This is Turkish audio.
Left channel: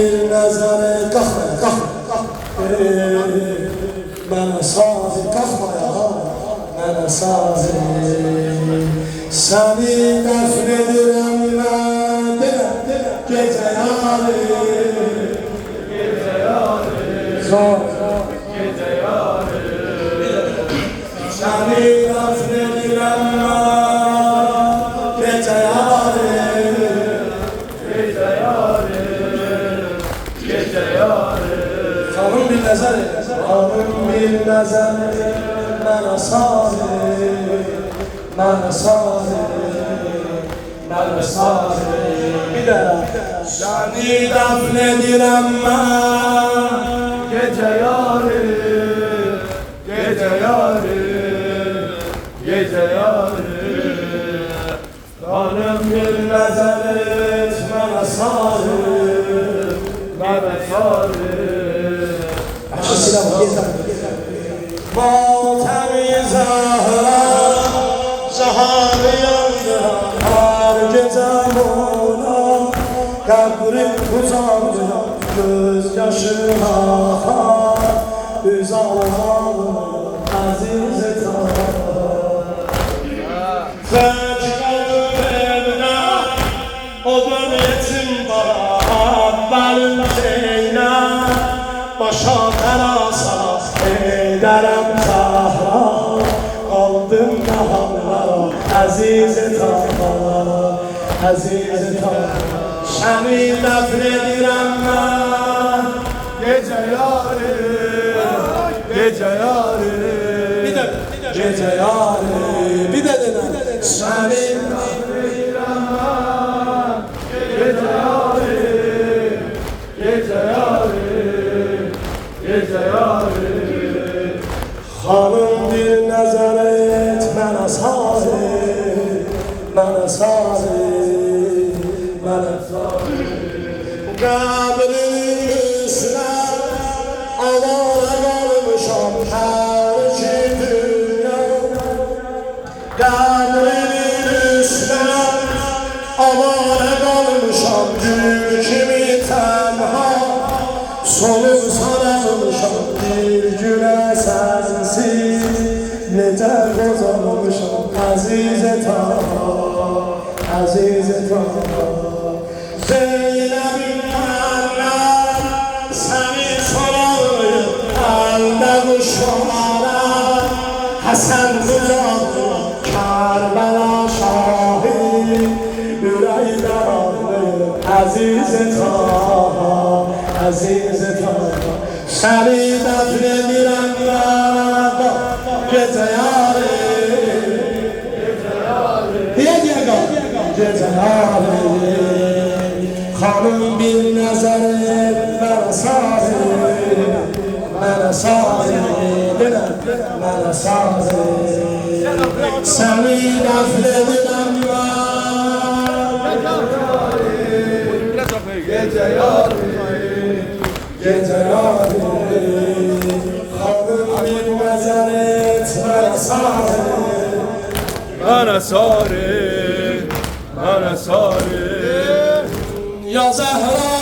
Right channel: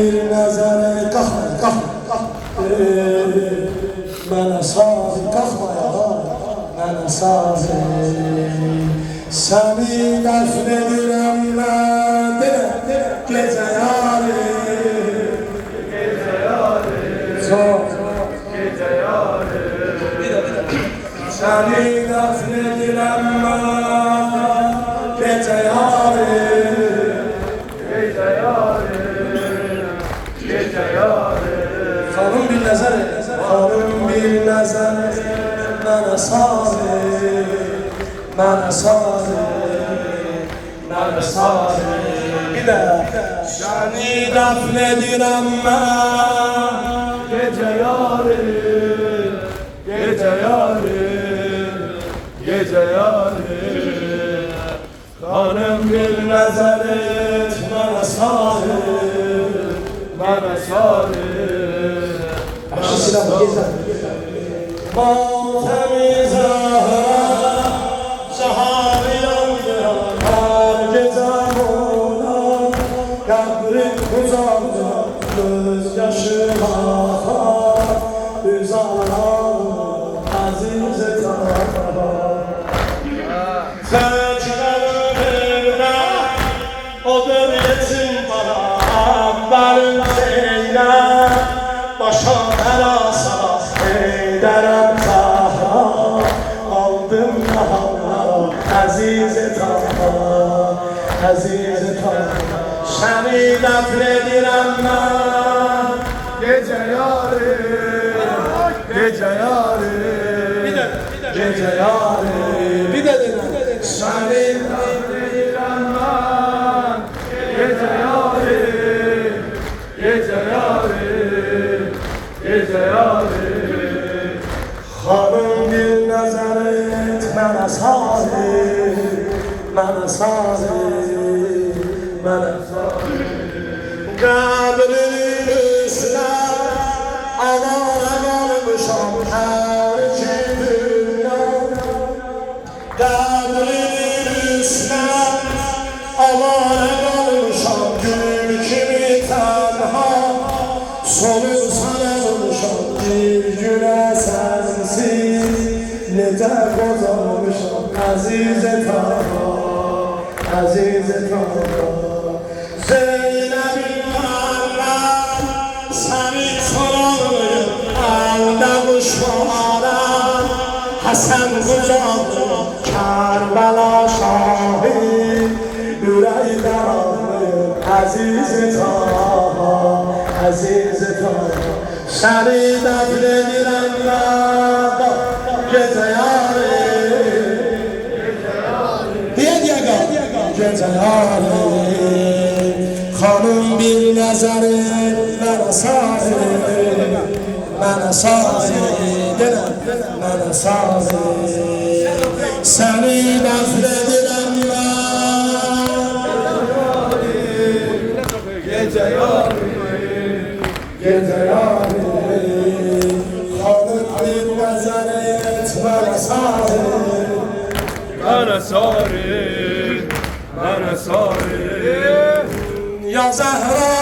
bir nazarı kalkma bana sazı kalkma bana sazı seni defnedirem ben gece yarı Gece yarı seni defnedirem ben gece yarı Gece yarı Hanım bir nazar bana sazı bana sazı bana sazı bir de seni defnedirem ben Gece yarı Gece yarı Gece yarı Kanım bir nazar et bana sarı Bana sarı Matem-i Zahra yandıran gece ona kabrim uzandıran gözyaşına uzandıran aziz tara Tekrar evine o dönyetim bana benim zeynep başa terasa ederim Zahra aldım Zahra aziz Zahra aziz Zahra seni defnedirem ben Gece yarı Gece yarı gece yarı bir de dene seni defnedirem ben Gece yarı Gece yarı Gece yarı Hanım bir nazar et bana sazı bana sazı bana sazı kabrin üstüne avara kalmışam her kimden kabrin üstüne avara kalmışam gül kimi tenha sonu sarılmışam bir güne sensiz nece bozulmuşam azize Taha azize Taha Zeynep'in Allah seni soralım halde bu şuara Hasan Hücanlı Karbala şahit yüreği kararlı azize Taha azize Taha seni defnedirem ben gece yarı diye gece yarı Hanım bir nazarı bana sazı bana sazı bana sazı seni defnedirem ben Gece yarı gece yarı Hanım bir nazarı bana sazı Bana sarı Bana sarı ya Zahra